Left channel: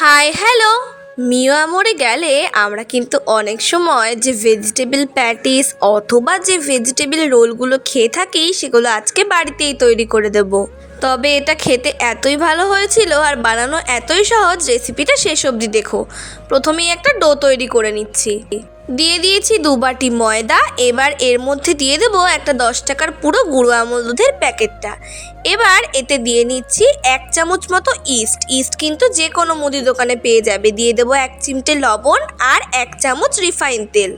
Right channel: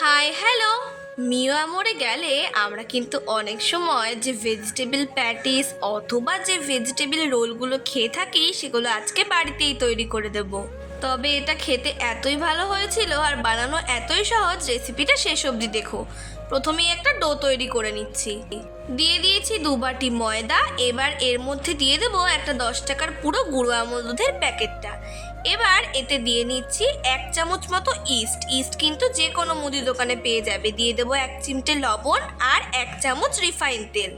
Hi hello. মিও আমরে গেলে আমরা কিন্তু অনেক সময় যে ভেজিটেবল প্যাটিস অথবা যে ভেজিটেবল রোলগুলো খেয়ে থাকি সেগুলো আজকে বাড়িতেই তৈরি করে দেব। তবে এটা খেতে এতই ভালো হয়েছিল আর বানানো এতই সহজ, রেসিপিটা শেষ অবধি দেখো। প্রথমেই একটা ডো তৈরি করে নিচ্ছি। দিয়ে দিয়েছি 2 বাটি ময়দা। এবার এর মধ্যে দিয়ে দেবো একটা 10 টাকার পুরো গুঁড়ো আমল দুধের প্যাকেটটা। এবার এতে দিয়ে নিচ্ছি 1 চামচ মতো ইস্ট কিন্তু যে কোনো মুদি দোকানে পেয়ে যাবে। দিয়ে দেবো 1 চিমটে লবণ আর 1 চামচ রিফাইন তেল।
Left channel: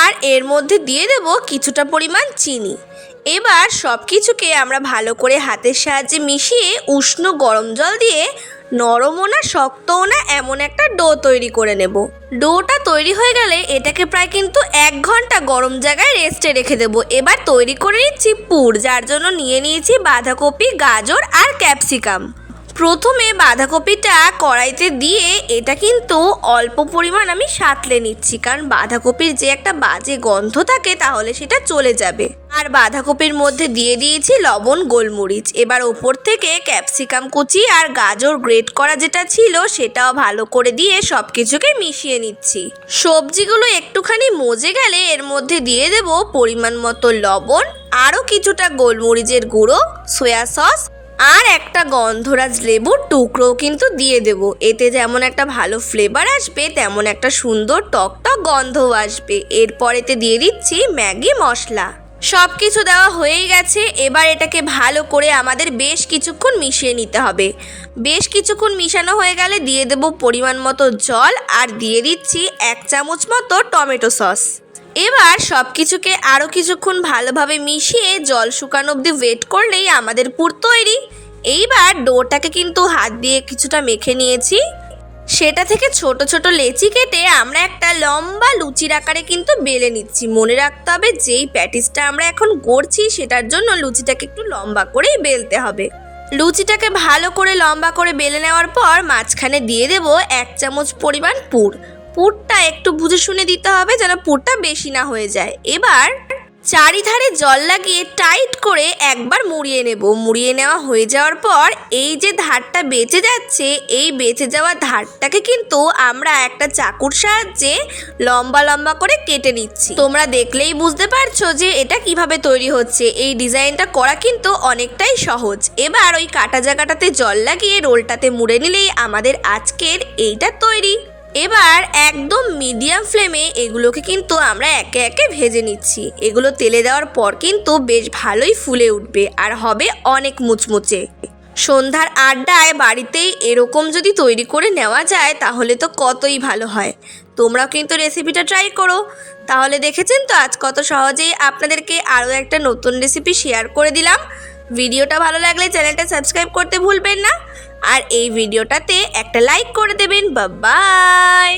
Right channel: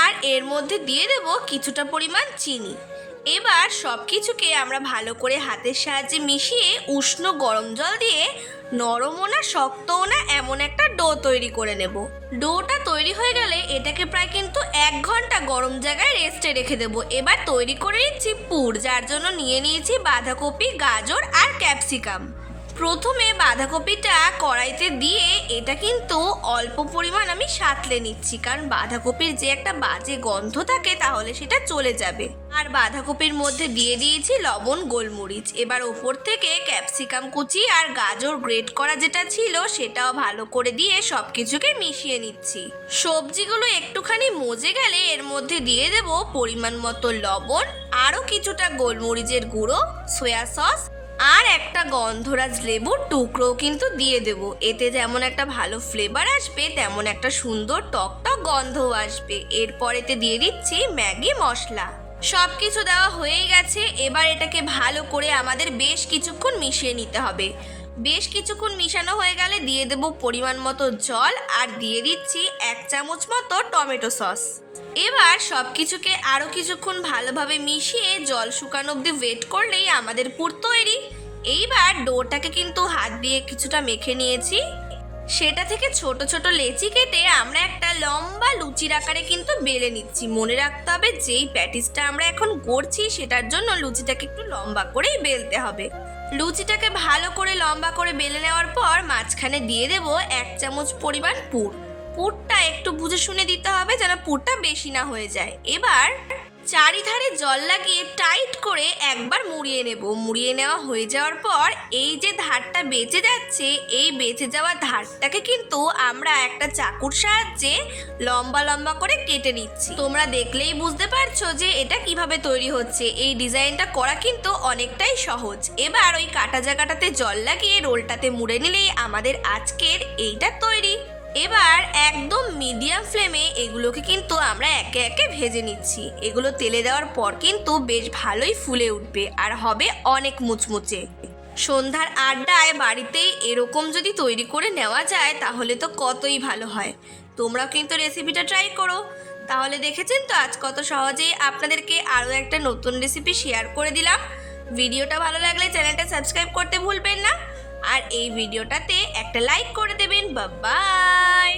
আর এর মধ্যে দিয়ে দেবো কিছুটা পরিমাণ চিনি। এবার সব কিছুকে আমরা ভালো করে হাতের সাহায্যে মিশিয়ে উষ্ণ গরম জল দিয়ে নরমও না শক্তও না এমন একটা ডো তৈরি করে নেব। ডোটা তৈরি হয়ে গেলে এটাকে প্রায় কিন্তু 1 ঘন্টা গরম জায়গায় রেস্টে রেখে দেবো। এবার তৈরি করে নিচ্ছি পুর, যার জন্য নিয়ে নিয়েছি বাঁধাকপি, গাজর আর ক্যাপসিকাম। প্রথমে বাঁধাকপিটা কড়াইতে দিয়ে এটা কিন্তু অল্প পরিমাণ আমি সাঁতলে নিচ্ছি, কারণ বাঁধাকপির যে একটা বাজে গন্ধ থাকে তাহলে সেটা চলে যাবে। আর বাঁধাকপির মধ্যে দিয়ে দিয়েছি লবণ, গোলমরিচ। এবার ওপর থেকে ক্যাপসিকাম কুচি আর গাজর গ্রেট করা যেটা ছিল সেটাও ভালো করে দিয়ে সব কিছুকে মিশিয়ে নিচ্ছি। সবজিগুলো একটুখানি মজে গেলে এর মধ্যে দিয়ে দেব পরিমাণ মতো লবণ, আরও কিছুটা গোলমরিচের গুঁড়ো, সয়া সস আর একটা গন্ধরাজ লেবুর টুকরোও কিন্তু দিয়ে দেব। এতে যেমন একটা ভালো ফ্লেভার আসবে তেমন একটা সুন্দর টক টক গন্ধও আসবে। এরপর এতে দিয়ে দিচ্ছি ম্যাগি মশলা। সব কিছু দেওয়া হয়েই গেছে। এবার এটাকে ভালো করে আমাদের বেশ কিছুক্ষণ মিশিয়ে নিতে হবে। বেশ কিছুক্ষণ মিশানো হয়ে গেলে দিয়ে দেব পরিমাণ মতো জল আর দিয়ে দিচ্ছি 1 চামচ মতো টমেটো সস। এবার সব কিছুকে আরও কিছুক্ষণ ভালোভাবে মিশিয়ে জল শুকানো অবধি ওয়েট করলেই আমাদের পুর তৈরি। এইবার ডোটাকে কিন্তু হাত দিয়ে কিছুটা মেখে নিয়েছি। সেটা থেকে ছোট ছোট লেচি কেটে আমরা একটা লম্বা লুচির আকারে কিন্তু বেলে নিচ্ছি। মনে রাখতে হবে যেই প্যাটিসটা আমরা এখন গড়ছি সেটার জন্য লুচিটাকে একটু লম্বা করেই বেলতে হবে। লুচিটাকে ভালো করে লম্বা করে বেলে নেওয়ার পর মাঝখানে দিয়ে দেব 1 চামচ পরিমাণ পুর। পুরটা একটু বুঝে শুনে দিতে হবে যেন পুরটা বেশি না হয়ে যায়। এবার চারিধারে জল লাগিয়ে টাইট করে একবার মুড়িয়ে নেব। মুড়িয়ে নেওয়া হয়ে যাওয়ার পর এই যে ধারটা বেঁচে যাচ্ছে, এই বেঁচে যাওয়া ধারটাকে কিন্তু আমরা একটা চাকুর সাহায্যে লম্বা লম্বা করে কেটে নিচ্ছি। তোমরা দেখলেই বুঝতে পারছো যে এটা কিভাবে তৈরি হচ্ছে। এই ডিজাইনটা করা কিন্তু অনেকটাই সহজ। এবার ওই কাটা জায়গাটাতে জল লাগিয়ে রোলটাতে মুড়ে নিলেই আমাদের আজকের এইটা তৈরি। এবার একদম মিডিয়াম ফ্লেমে এগুলোকে কিন্তু আমরা একে একে ভেজে নিচ্ছি। এগুলো তেলে দেওয়ার পর কিন্তু বেশ ভালোই ফুলে উঠবে আর হবে অনেক মুচমুচে। সন্ধ্যার আড্ডায় বাড়িতেই এরকম যদি তৈরি করে নেওয়া যায় তাহলে তো কতই ভালো হয়। তোমরাও কিন্তু রেসিপিটা ট্রাই করো। তাহলে দেখেছেন তো আজ কত সহজেই আপনাদেরকে আরও একটা নতুন রেসিপি শেয়ার করে দিলাম। ভিডিওটা ভালো লাগলে চ্যানেলটা সাবস্ক্রাইব করতে ভুলবেন না। আর এই ভিডিওটাতে একটা লাইক করে দেবেন। বাই।